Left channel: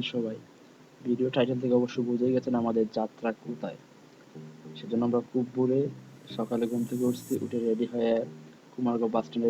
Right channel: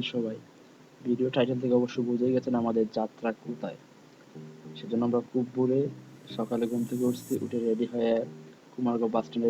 আছেন সবাই? Video title থেকে অবশ্যই বুঝেই গেছেন আমাদের যাত্রা কোথায়। সেজন্য আমরা খুব ভোরে সকালে ঘুম থেকে উঠছি, উঠে রেডি হয়ে কুমারগাঁও বাস স্ট্যান্ডে।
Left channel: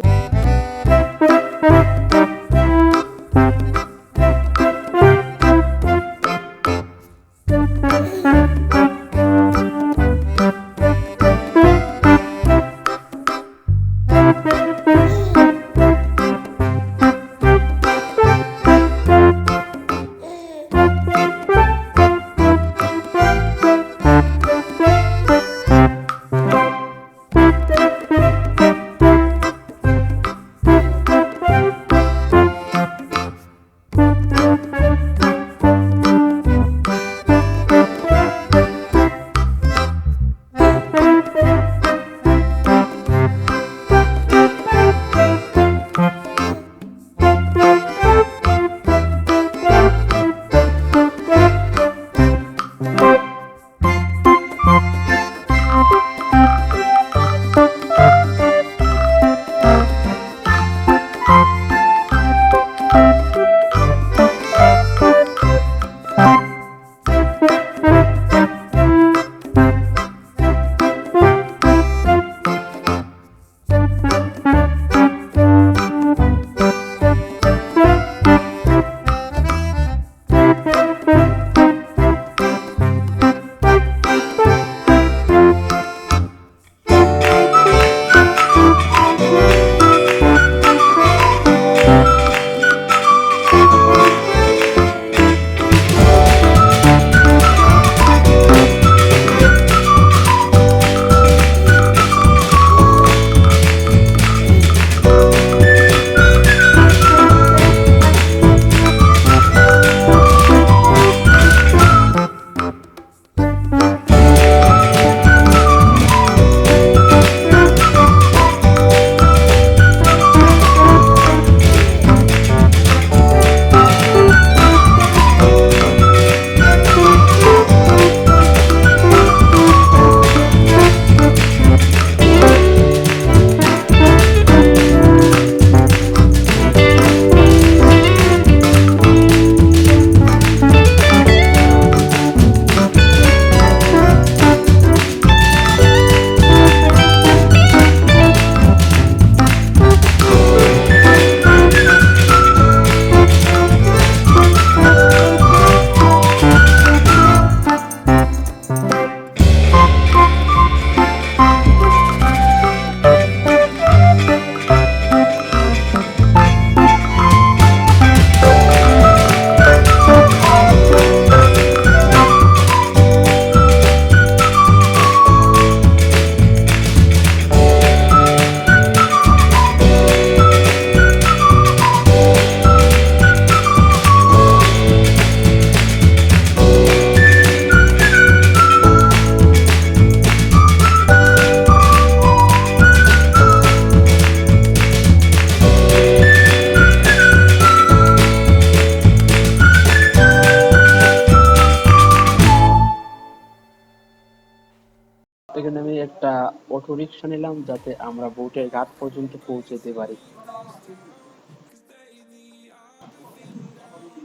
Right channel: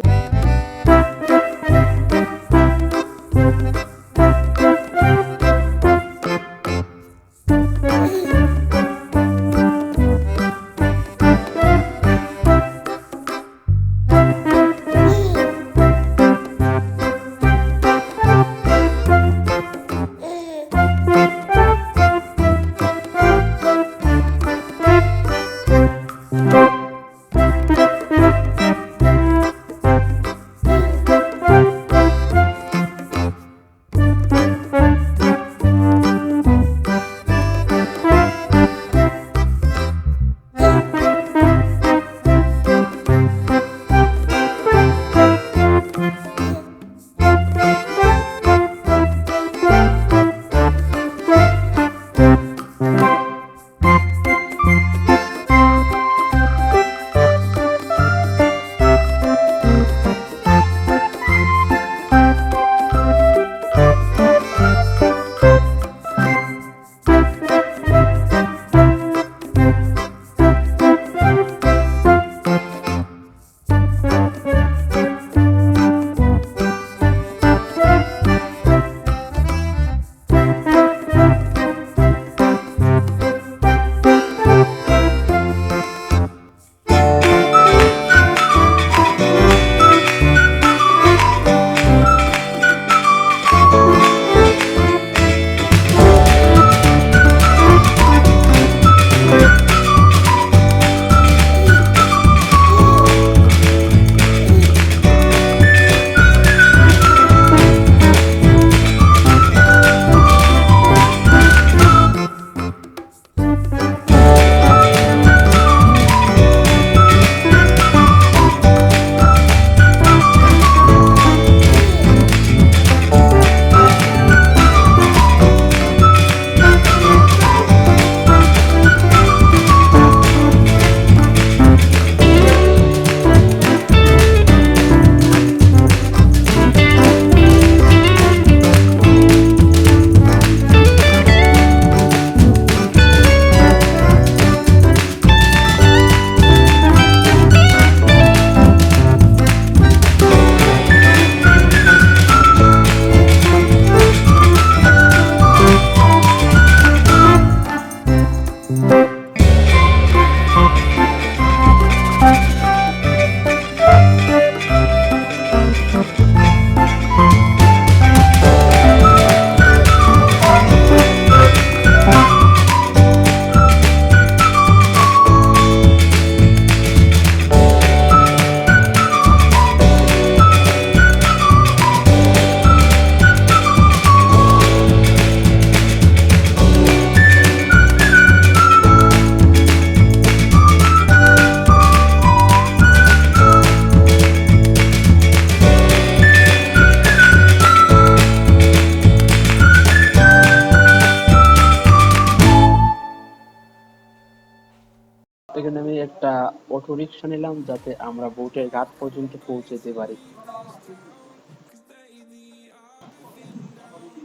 এখানে আমি একটা অটো রিক্সা নিলাম যাতে আমরা বোটের ঘাট পর্যন্ত পৌঁছাতে পারি।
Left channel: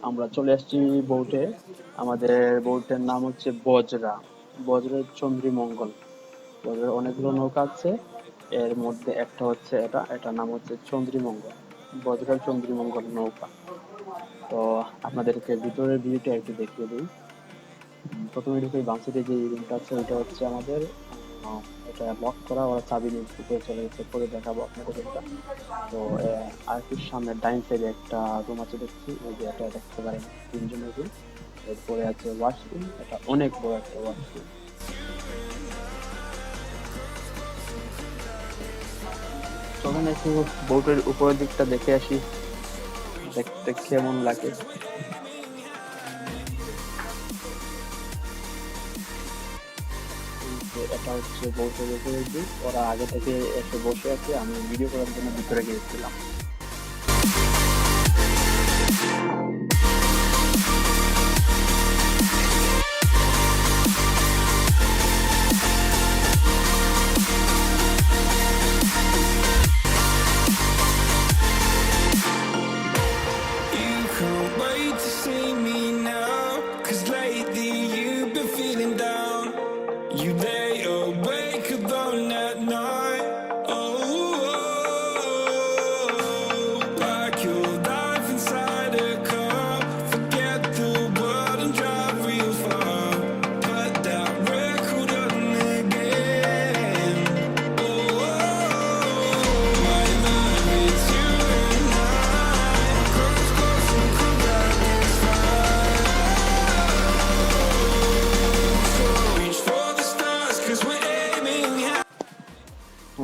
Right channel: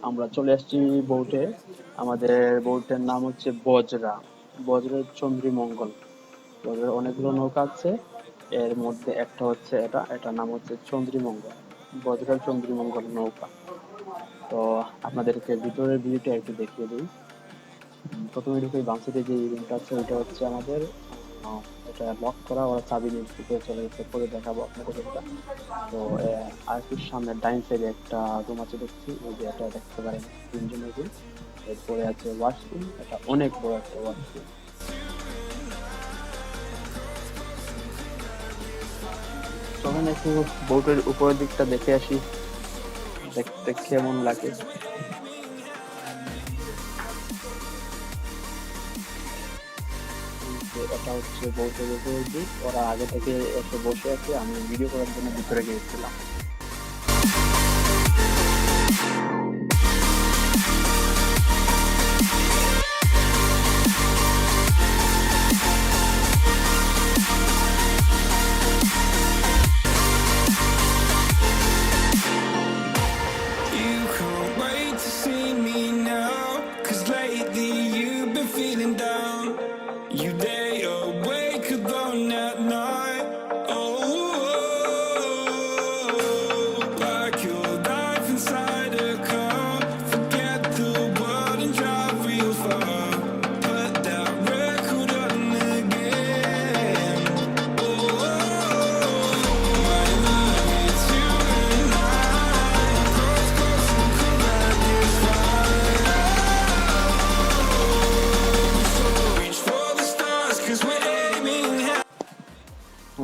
আমরা চলে আসছি বোটে। আমাদের বোটের নাম হচ্ছে বজরা, বজরের চন্দ্রীমঙ্গল। বজরের অনেকগুলো নৌকা আছে, এর মধ্যে একটা হচ্ছে এটার নাম হচ্ছে চন্দ্রীমঙ্গল, বজরের চন্দ্রীমঙ্গল নৌকা। তো আপনাদেরকে ভিতরের ভিউটা একটু দেখিয়ে দিই। প্রথমে ঢুকে বাম সাইডে যে রুমটা আছে ওইটা হচ্ছে আমাদের, এটা লক করা, ওরা চাবি নিয়ে ভিতরে চলে গেছে, পরে দেখাবো আপনাদের রুমটা। তো আর একটু সামনে ডাইন সাইডে একটা রুম আছে দেখছি, ওই যে এটা দেখতে পারেন তিনজনের রুম। এরপরে আছে ওয়াশরুম, এটা অনেক বড় একটা ওয়াশরুম। চলেন একটু বোটের উপরের দিকটা দেখে আসি, দেখতে কেমন লাগে। এটা হচ্ছে বোটের উপরের দিক, ওরা আগে থেকে এসে বসে আছে, আমি ভিডিও করার জন্য ভিতরে গিয়েছিলাম। You can't wait to see me now.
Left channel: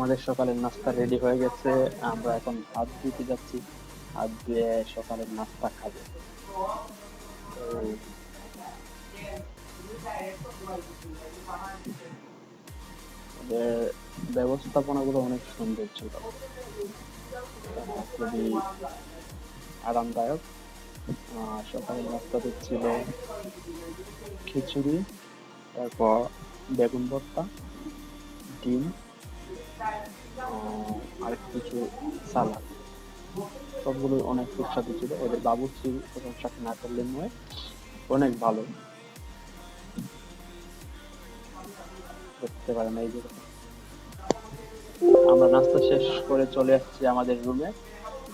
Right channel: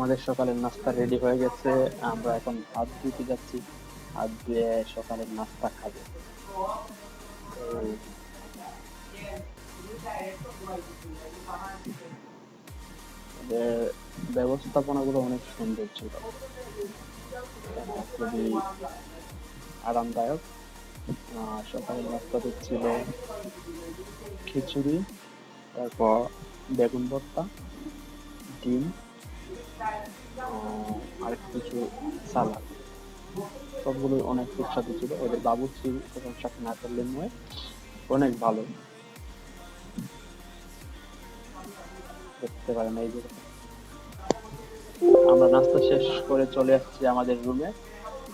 আমাদের সকালের নাস্তা রেডি হয়ে গেছে। আমরা এখন হাত ধুতে যাচ্ছি, হাত ধুয়ে সকালের নাস্তা খাবো। তো ওদের ব্যবস্থাপনা গুলো অনেক সুন্দর ছিল, খুবই আরামদায়ক। সকালের নাস্তাতে ছিল খিচুড়ি, তারপর বেগুন ভর্তা, ডিম, আর কিছু সালাদ। সবগুলো অনেক সুস্বাদু ছিল। ওদের বাবুর্চির প্রশংসা না করলে নয়, অনেক ভালো। দেখতে পারেন এই যে আমরা নাস্তা শেষ করে চলে আসছি আমাদের রুমে।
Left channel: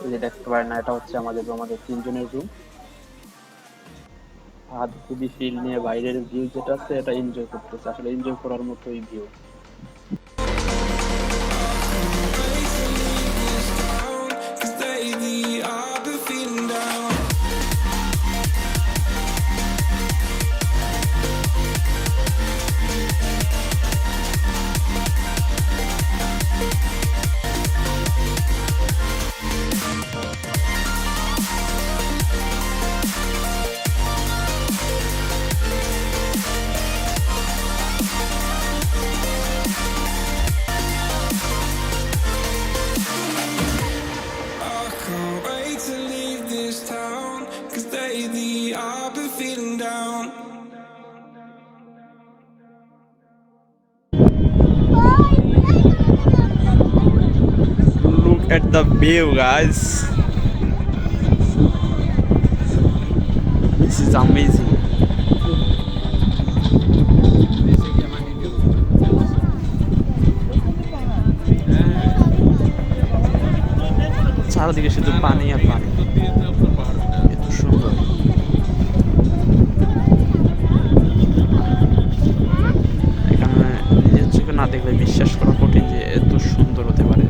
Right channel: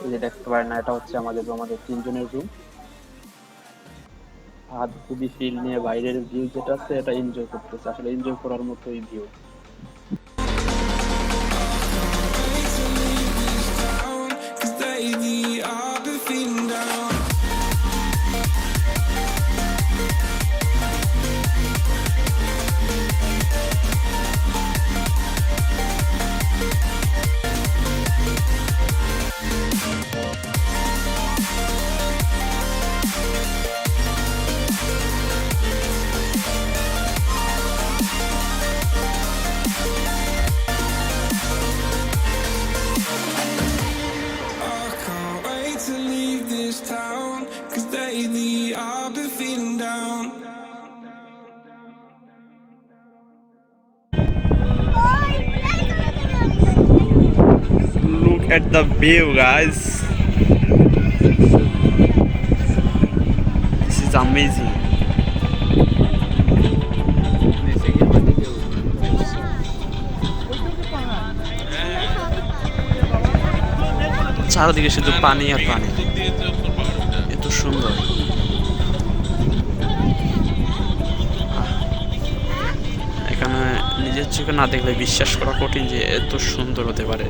এই যে দেখতে পারেন না, এটা হচ্ছে আমাদের রুম, আমাদের তিনজনের রুম। হাত খুবই ফিল নিয়ে বাইরের ভিউ যেটা আছে এটা এনজয় করতেছে, আসলে এনজয় করার মতোই view. Look at the view, guys. This is amazing. চারদিকে শুধু পানি আর পানি, এত সুন্দর। এখানে নিজের চোখে না দেখলে বিশ্বাস করা কঠিন যে এত সুন্দর হতে পারে।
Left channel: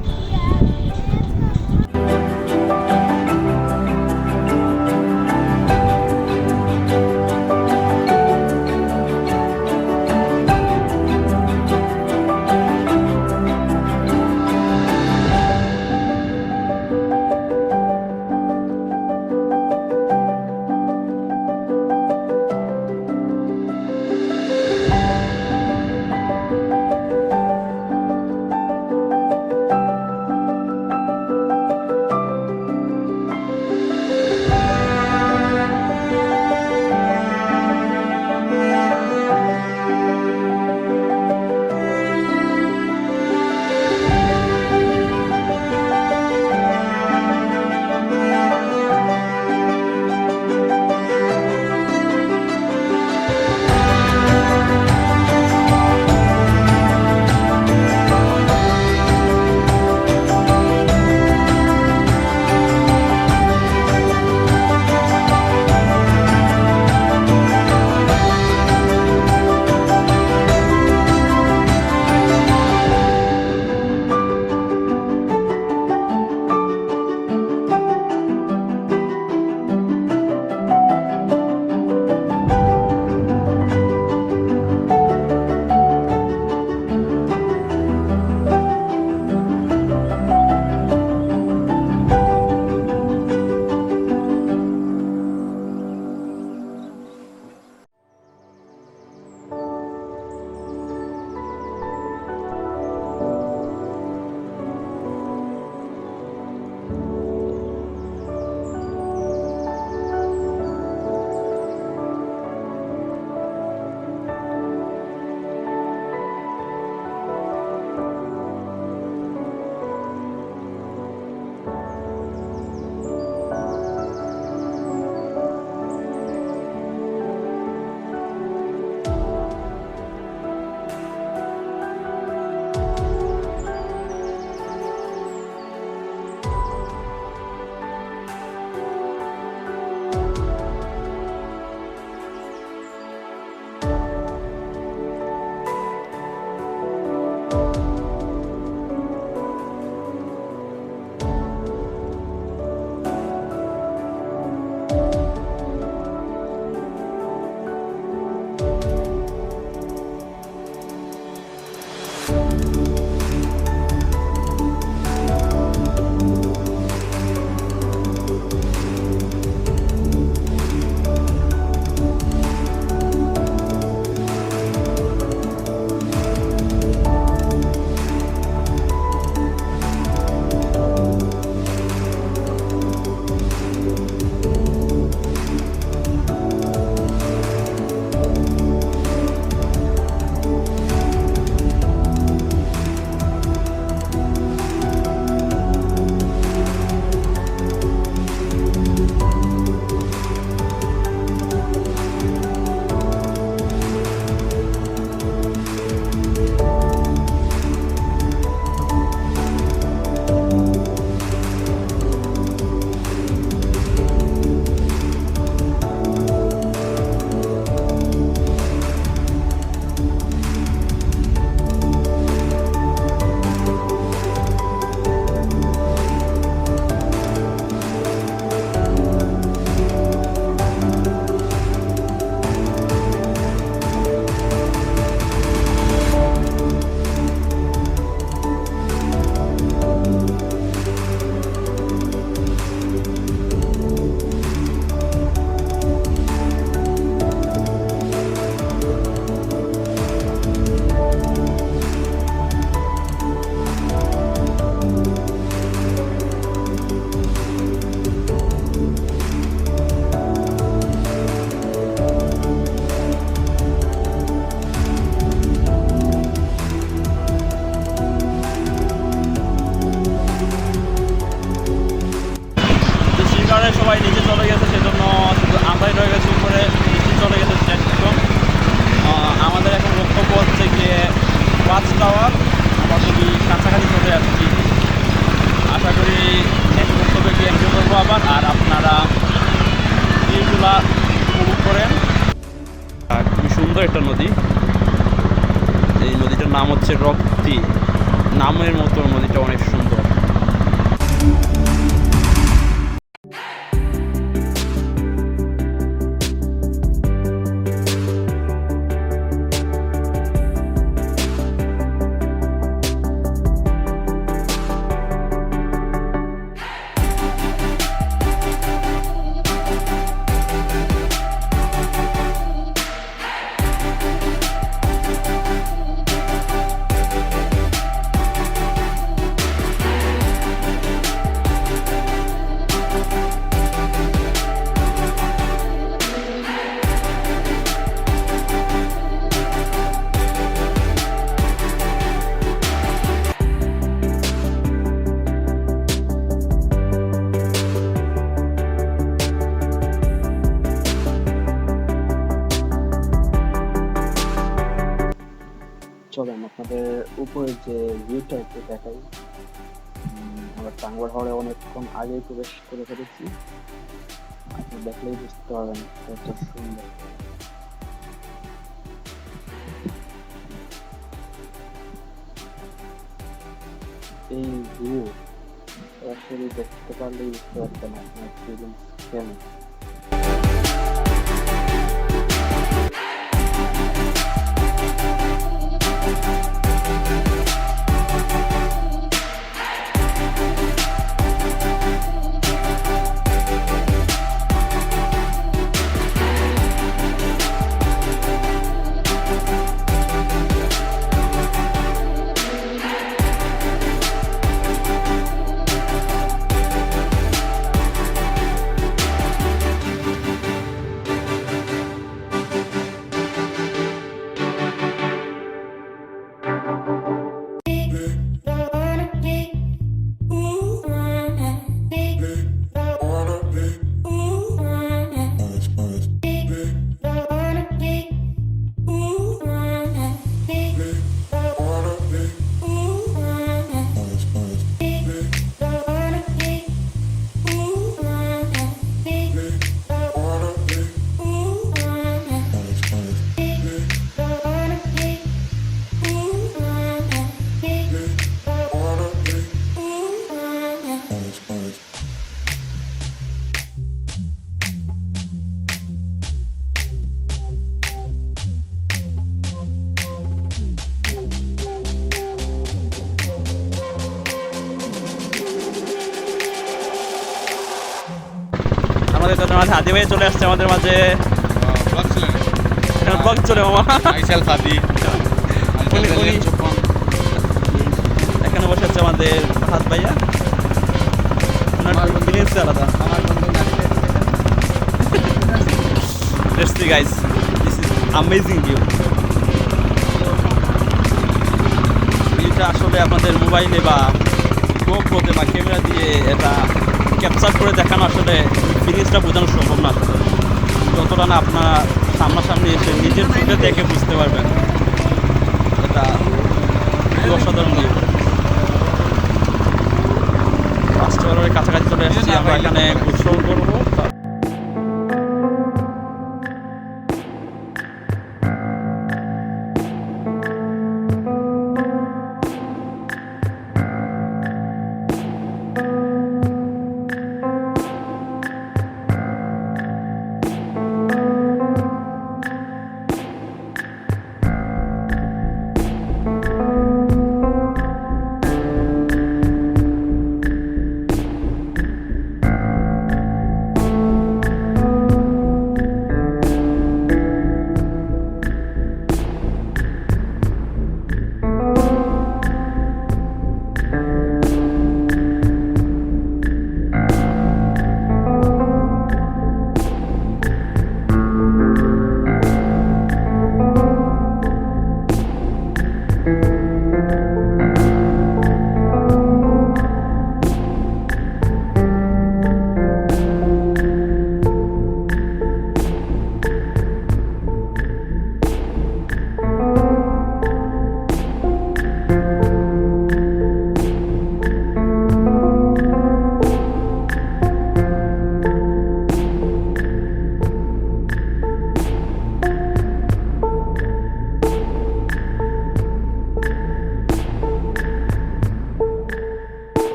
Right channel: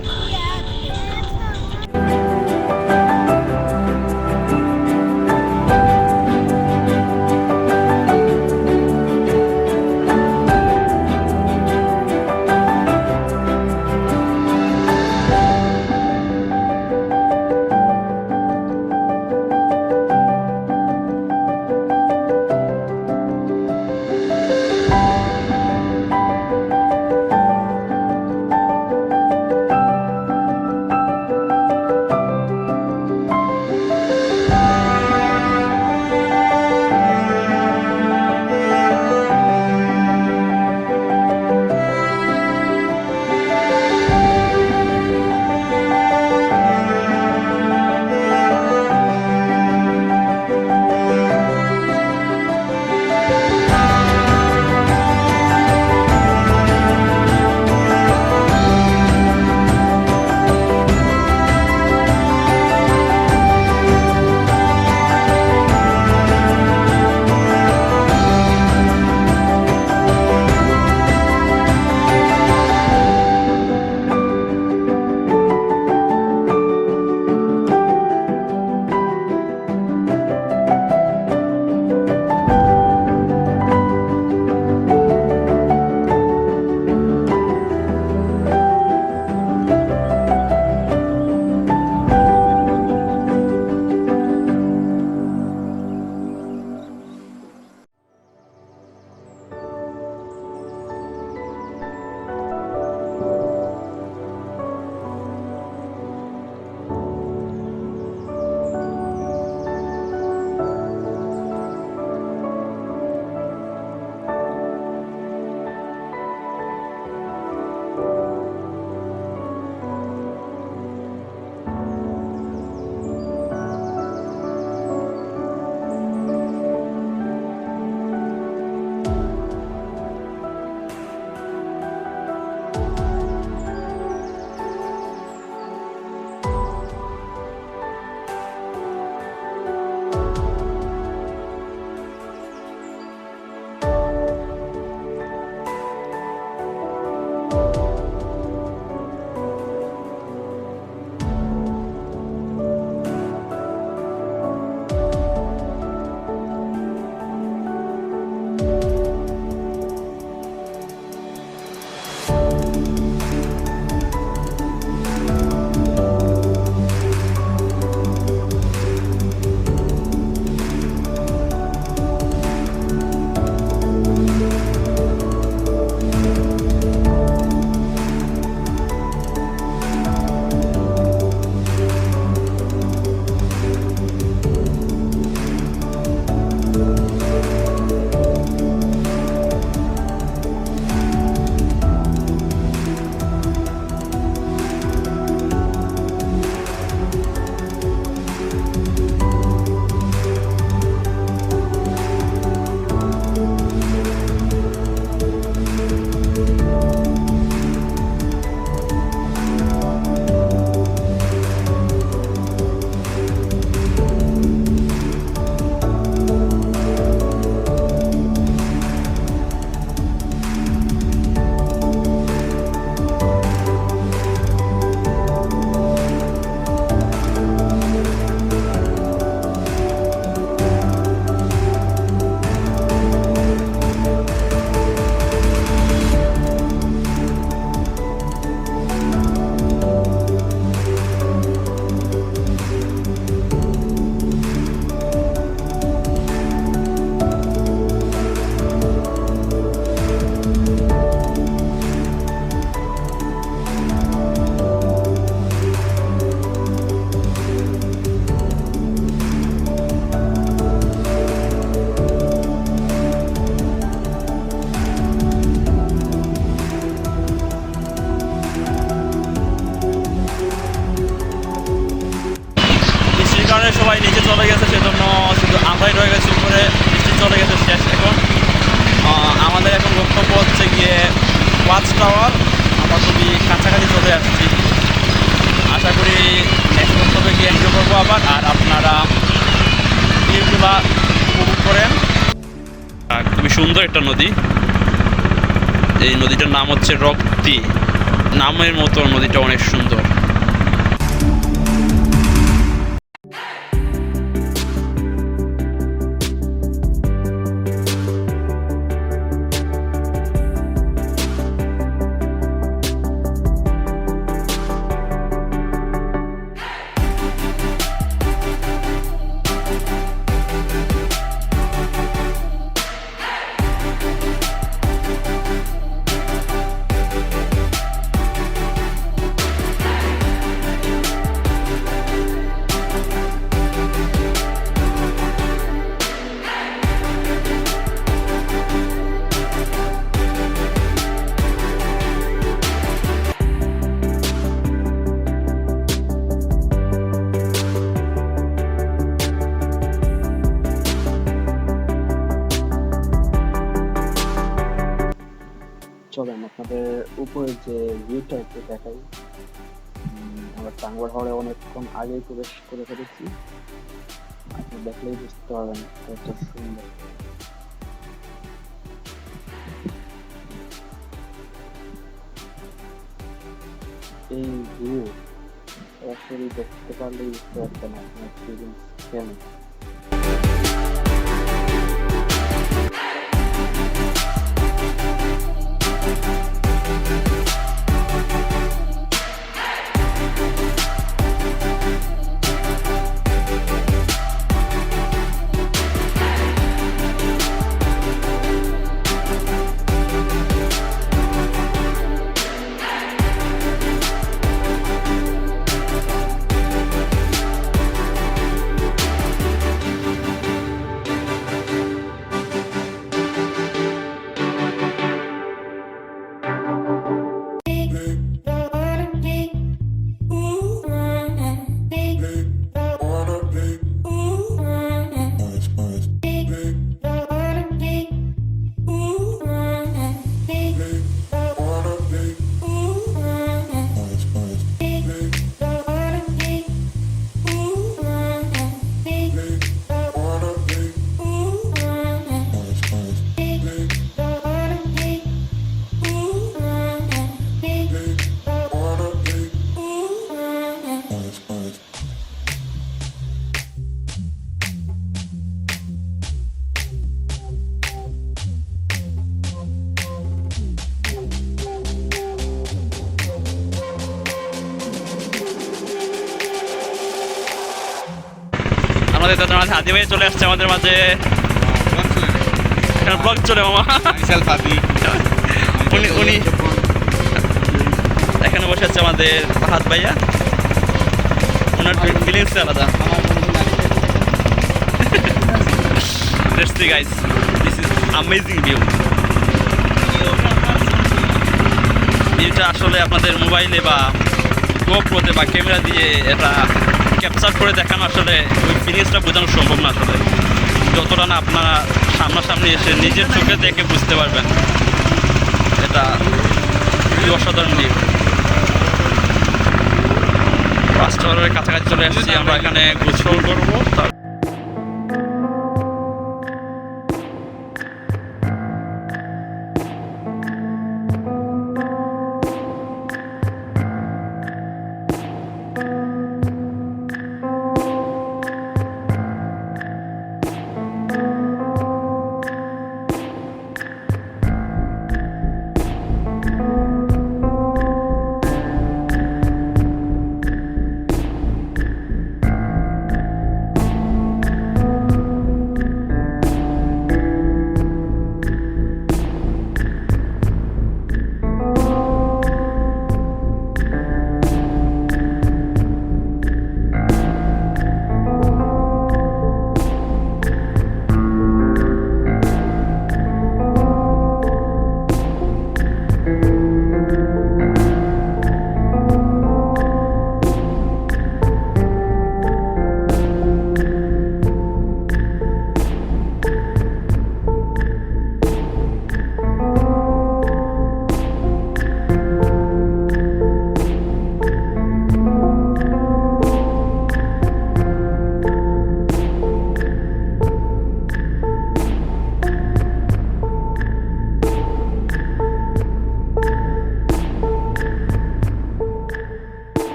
সবাই নিচে চলে গেছে, সেজন্য শুধু আমরাই রয়ে গেছি উপরে। বৃষ্টি চলে গেছে শেষ এখন। আমাদের এখন লক্ষ্যপথ হচ্ছে গিয়ে ওয়াচ টাওয়ার। আমরা খুবই কাছাকাছি চলে আসছি। আশা করি নেক্সট গন্তব্যে গিয়ে এনজয় করবো আবার, আর আপনারা ভিউগুলা উপভোগ করেন। খুবই সুন্দর একটা নদী। এই নদীটার নাম হচ্ছে রক্তি। নামের মতো নদীটা অনেক সুন্দর। চলেন আপনাদের উপরে যে ভিউটা একটু দেখাই। আমরা টাঙ্গুয়ার হাওরে অনেকক্ষণ আগেই প্রবেশ করে ফেলেছি। আপনি দেখলেই বুঝতে পারবেন কত সুন্দর। এই ভিউ সরাসরি দেখতে পারলেই বুঝতে পারবেন আপনার ফিলিংস কেমন। আমাদের তাদের মাঝে হাদি ভাই চলে আসছে আমাদের মাঝে। এখানে ব্লগ চলে মামা। উনি উনি এখানে বসে আছে আমাদের ফাহাদ ভাইয়া। ওনার ফিলিংস আলাদা। Let's see guys, this is amazing view. ভিউটা আসলে আপনাদের মোবাইলে বা গোপ্রোতে বা ক্যামেরা দিয়ে এটা ক্যাপচার করে দেখানো আসলে ওই ফিলিংসটা বোঝানো সম্ভব না আসলে। যতটা না আপনারা সামনাসামনি এসে নিজের চোখে দেখে বুঝতে পারবেন। এটা খুবই অসাধারণ ভিউ। ফার্স্ট টাওয়ারের কাছাকাছি চলে আসছি আমরা। এখানে গোসল করবো।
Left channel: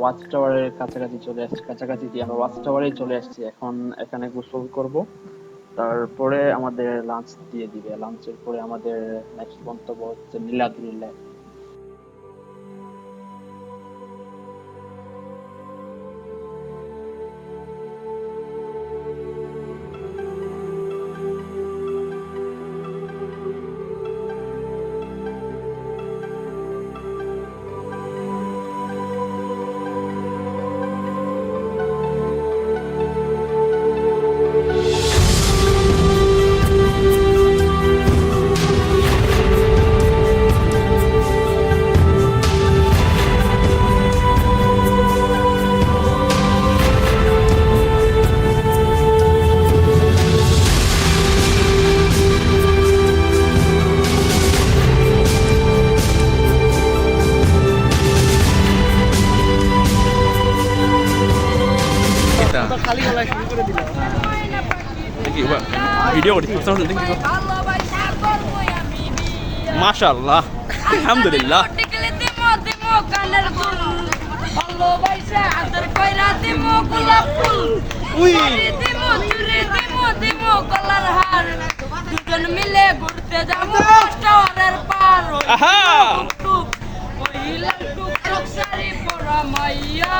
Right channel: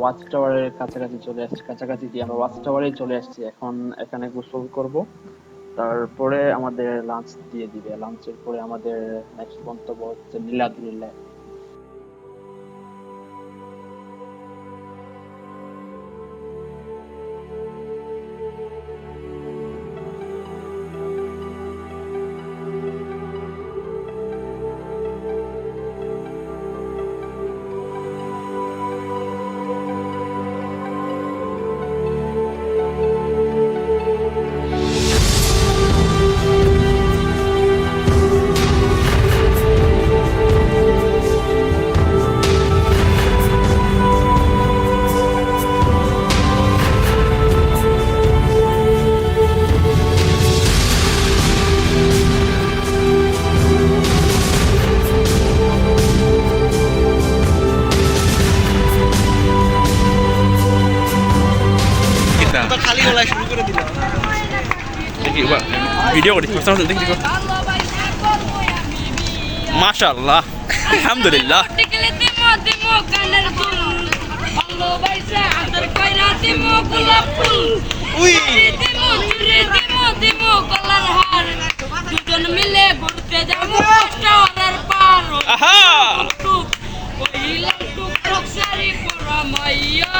ওয়াচ টাওয়ারের কাছাকাছি চলে আসছি, আমরা ওয়াচ টাওয়ারে চলে আসছি। এখন এখানে গোসল করব, তারপরে আমাদের লাঞ্চ দিয়ে দিবে। লাঞ্চের পরে আমাদের নেক্সট গন্তব্য হচ্ছে নীলাদ্রি লেক। খালি গলায় শুরু করে দিলাম। দেখি ভিডিও করি, দেখি মাশাআল্লাহ আলহামদুলিল্লাহ। দুজন মিলে ঘুরতে যাবো টাওয়ারের পার। আহা কইলাম টুকটুক শাড়ি পরা মাইয়া,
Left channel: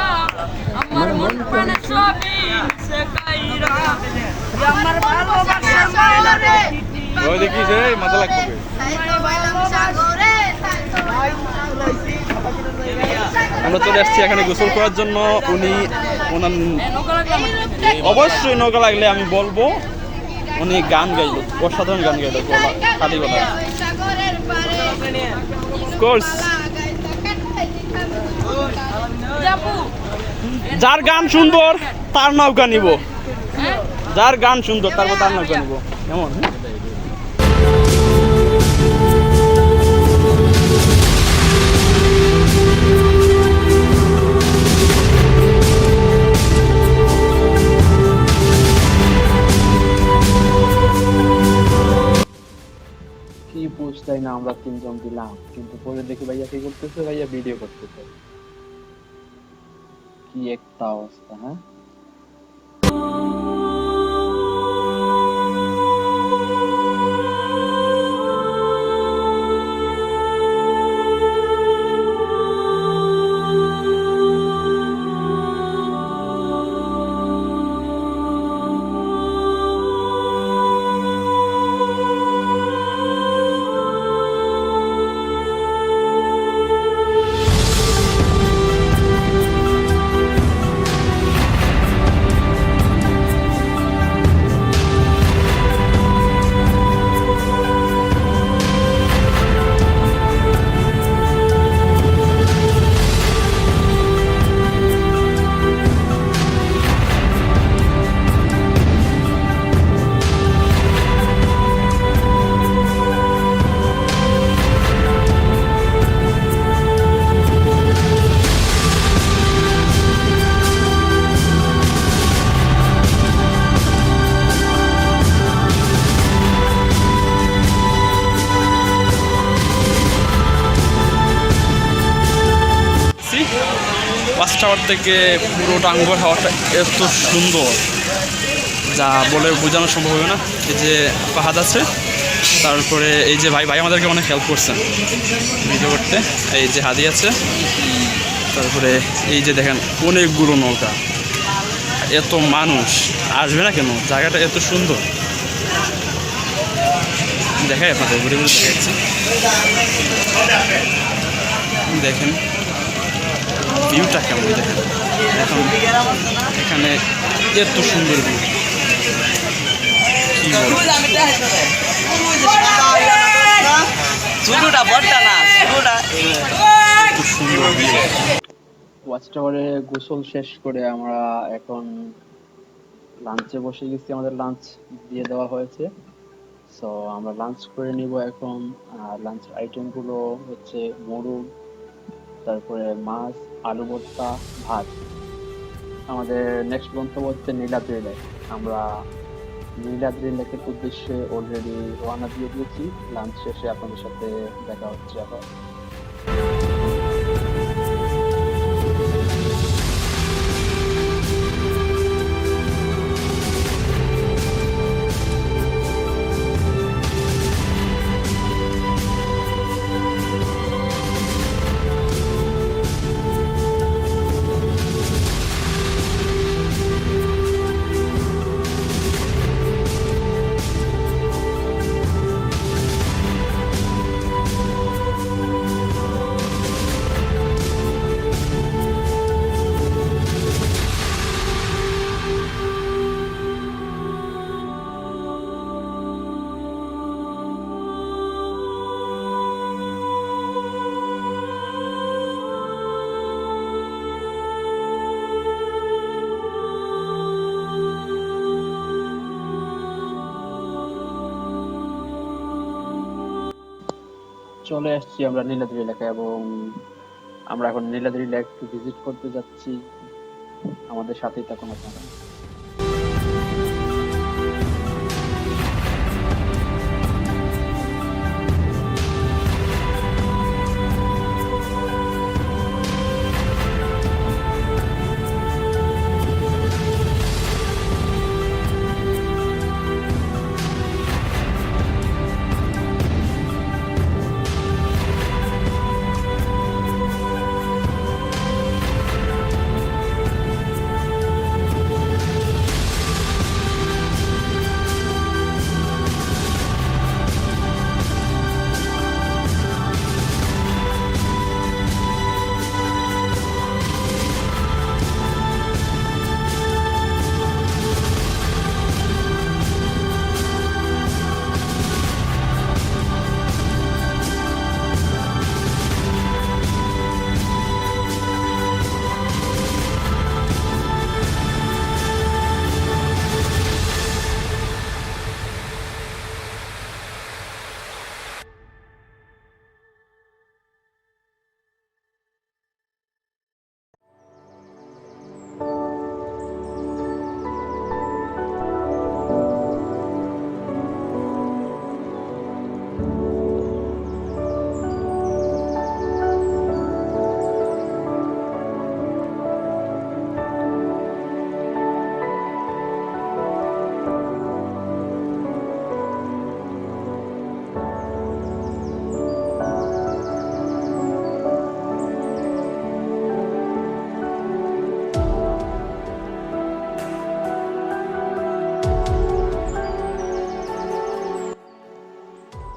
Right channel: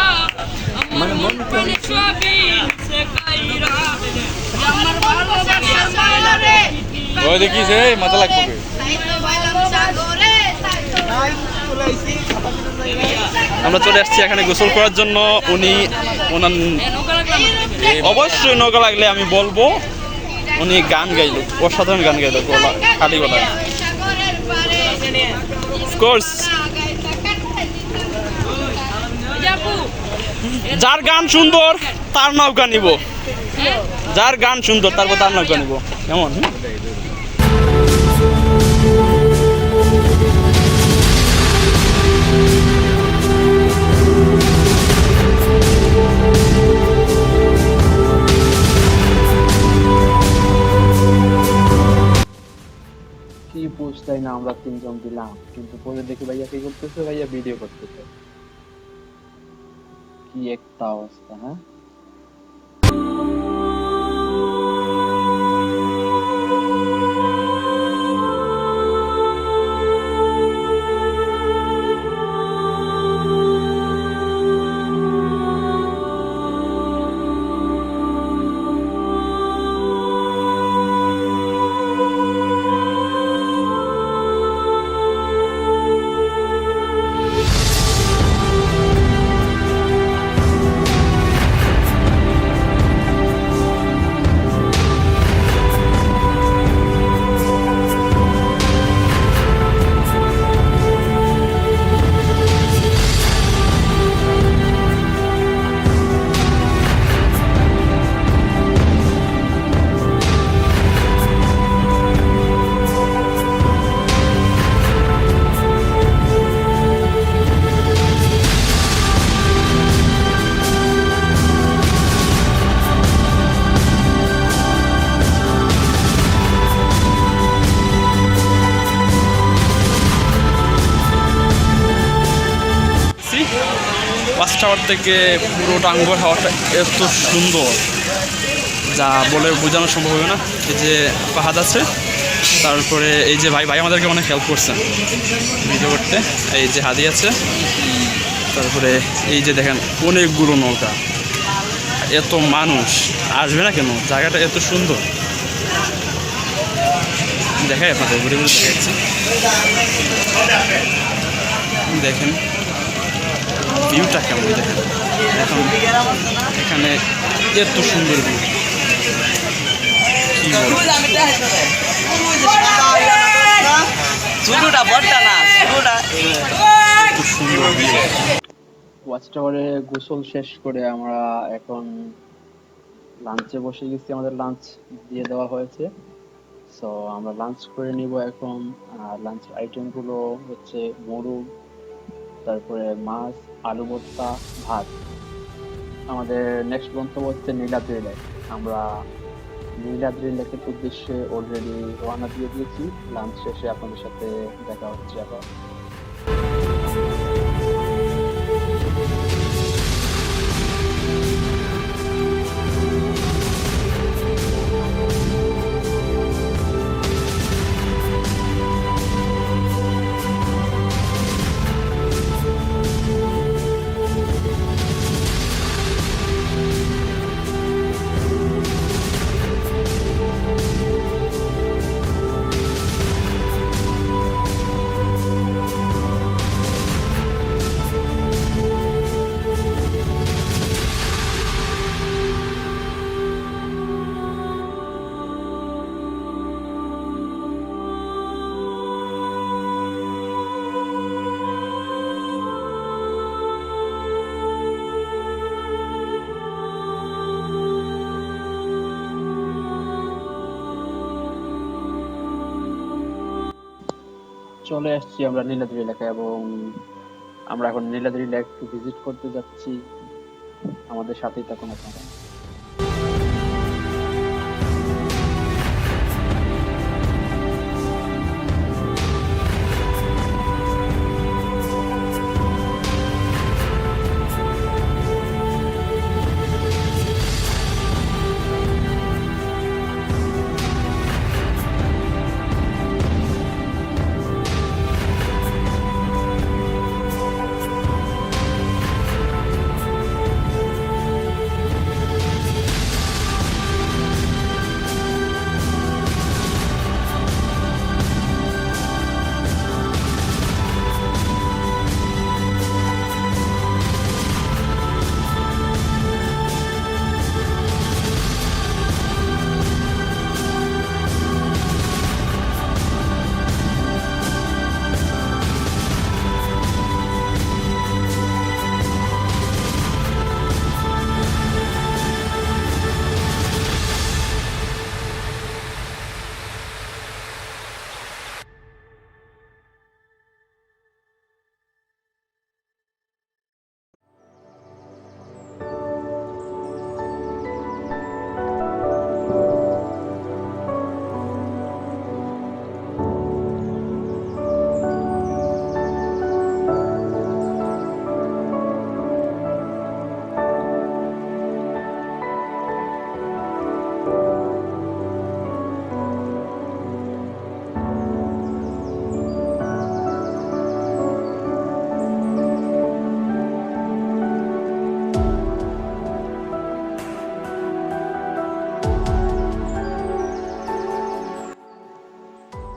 আমার মন প্রাণ ছবি সে কাইরা, আমার ভালোবাসার মায়া রে। ওই দেখিছে মাথা লাগবে। আমরা চলে আসছি এখানে গোসল করার জন্য। উনি ওনার অবশ্যই নৌকা লাগলে আমি বলবো। উনি গান গাইলো, অসাধারণ গান গাইলো খালি গলায়। অফকোর্স যার গান সুন্দর তার নৌকা নিব, যার গান সুন্দর তারপর তার নৌকা নিব, এমন। কি বুঝলাই না, আমরা তিনজন দিলাম, কিন্তু পরে দেখি ভাইয়া কি করতেছে, ভাইয়া ভিডিও করতেছে। কি একটা অবস্থা! হ্যাঁ, ওয়াচ টাওয়ার থেকে পুরো টাঙ্গুয়ার হাওয়াটা এত সুন্দর যা বলে বোঝানো সম্ভব হবে না। এই যে পাহাড় আছে, তারপরে এই যে ভাই আমাদেরকে অনেক হেল্প করছে ভিডিও করতে। এই যে হাদি আছে, তারপরে এই যে দেখেন অনেকগুলো নৌকা, এত মানুষ আসবে না কেন, জায়গাটা এত সুন্দর। দেখাই আপনাদের ঘুরে ঘুরে দেখাচ্ছি, দেখেন ভিউটা কেমন। দেখেন এখন এখানে এত সুন্দর ভিউ, কি বলবো। ওয়াচ টাওয়ারে গোসল শেষ করে আমরা এখন লাঞ্চে বসে গেছি। আমাদের লাঞ্চ দিয়ে দেওয়া হয়েছে, সো আমরা লাঞ্চ করে নিব এখন। আর লাঞ্চের আইটেম গুলো হচ্ছে মোরগ, তারপরে মাছ, আলু ভর্তা, ভাত। আমাদের নেক্সট গন্তব্য হচ্ছে নীলাদ্রি লেক। আমরা নীলাদ্রি লেকের উদ্দেশ্যে অলরেডি রওনা দিয়ে দিয়েছি। লাঞ্চ শেষে আপনাদের সাথে দেখা হচ্ছে আবার। চলে আসছি আমরা নীলাদ্রি এলাকায়, এবং আমরা এখন নীলাদ্রি লেক ভিজিট করতে যাচ্ছি। আমাদের সাথেই থাকুন আপনারা।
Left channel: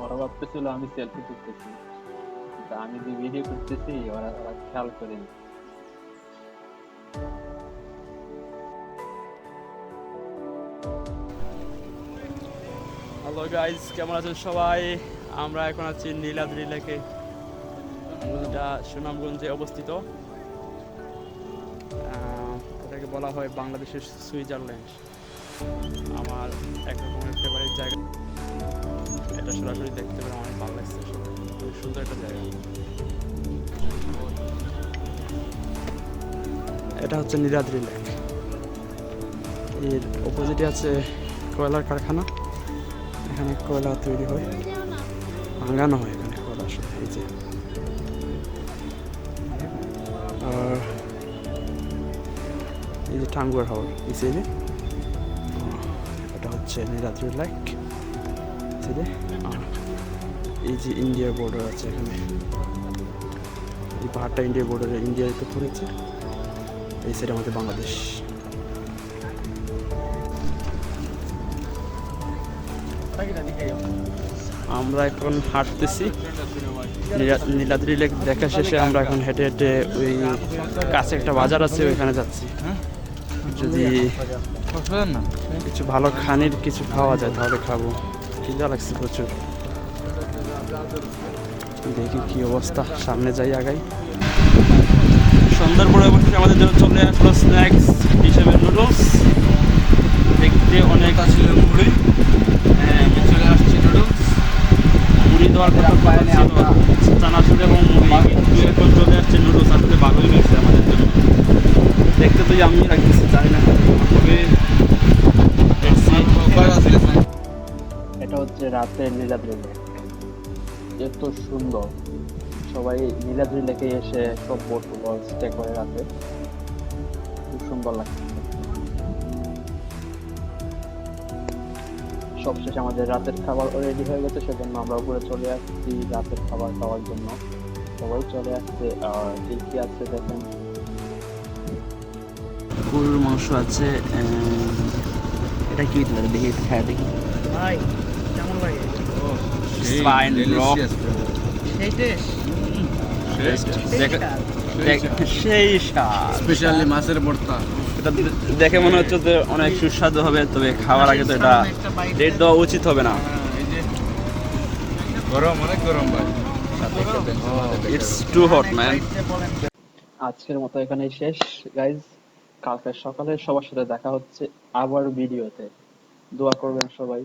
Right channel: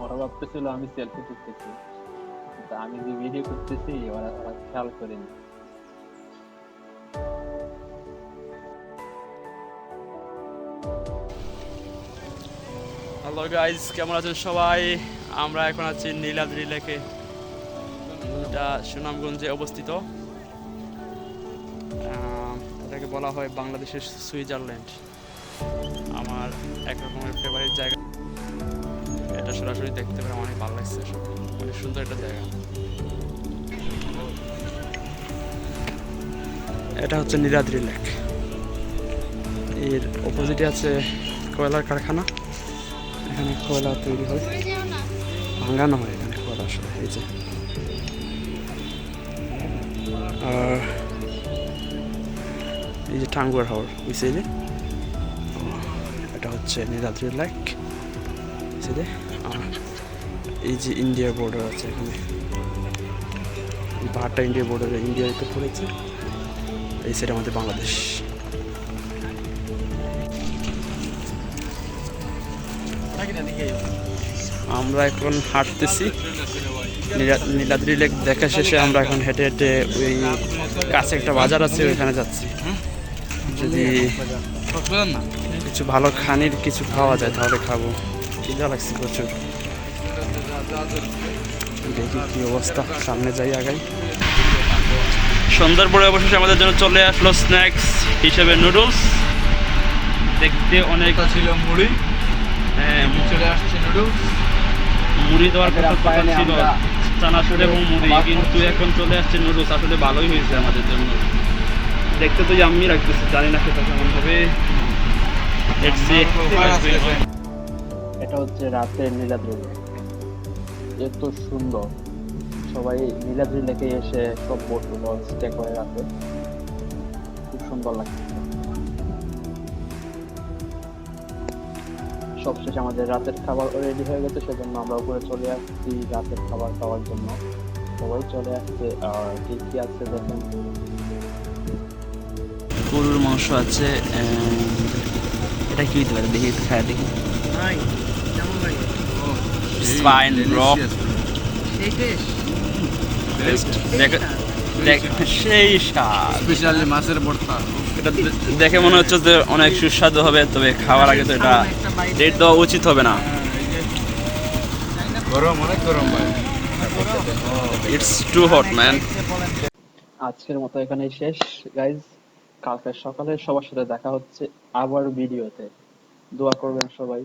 ওরা ভাবতেছিল আমি সেলফি তুলতেছি, কিন্তু আমি যে ভিডিও করতেছি ওরা ওরা খেয়াল করেনি। হ্যালো গাইজ, কেমন আছেন সবাই? আমরা এখন আছি নীলাদ্রি লেকে, এটা সুনামগঞ্জে অবস্থিত। এটাকে বলা হয় বাংলাদেশের সুইজারল্যান্ড। আমার এক রকমের ফেভারিট জায়গা। এটা সরাসরি দেখতে পেরে অনেক ভালো লাগছে, অনেক সুন্দর একটা জায়গা। এটা হচ্ছে নীলাদ্রি লেক, এর অপোজিটে আছে কয়লার কারখানা। এখানে কয়লা তৈরি হয়, ভাঙানো হয় এখানে কয়লা আসলে। এই যে, আর এই যে টাঙ্গুয়ার হাওর ওই সাইডে, এটা হচ্ছে নীলাদ্রি লেক সাইডে। আর এই যে ইন্ডিয়া বর্ডার আছে এখানে, এই পাহাড়টা ইন্ডিয়া বর্ডারে, ইন্ডিয়ায় তো পড়েছে। এই সাইডে আমাদের বাংলাদেশ। আমরা এখন হাঁটতেছি নীলাদ্রি লেক দেখা শেষে। আমরা এখন হেঁটে হেঁটে ওই কাছে একটা বাজার আছে ওইখানে যাচ্ছি। যদি কিছু ভালো খানির কিছু খাওয়া যায় তাহলে খাবো, খিদা লাগছে প্রচুর। দেখি কি অবস্থা, সামনে যাই আগাই। সন্ধ্যার পরে অবশেষে আমাদের জন্য চলে আসলো স্ন্যাক্স হিসেবে নুডলস। দেখতে অনেক মুড়ি, হ্যাঁ মুড়ি দেওয়ার কথা ছিল, চানাচুর এবং মুড়ি, কিন্তু এখন চলে আসছে নুডলস। আসলে ভালোই হয়েছে আমাদের জন্য। দেখতে তো আমি রাখতেছি, জানি না খেতে কেমন হবে। এটা হচ্ছে রাতের নীলাদ্রি লেক, এত সুন্দর। সবাই নীলাদ্রি লেকে এসে সব বোটগুলো স্টে করে রাতে, খুব সুন্দর লাগছে। সবশেষে আমাদের রাতের খাবার রেডি হয়ে গেছে, সেজন্য আমরা উপরে চলে আসছি রাতের খাবার খাওয়ার জন্য। সবাই চলে আসছে। আর কি কি আছে দেখেন, গরুর মাংস আছে, এটা কি হতে পারে দেখি, একটু খায় দেখি। স্পাইন ব্লক সেই স্বাদ, স্পেশালি মাছের ভর্তা। এটা দেখে মনে হচ্ছে যে অনেক সুস্বাদু হবে, তবে খাওয়ার আগে তো এটা রেট দেওয়া উচিত হবে না। গরম, অনেক গরম ভাই। It's too hot man. আজকের মতো এখানেই শেষ গাইজ। কালকে সকালে সবার সাথে দেখা হচ্ছে আবার ভিডিওতে। দোয়া করবেন সবাই।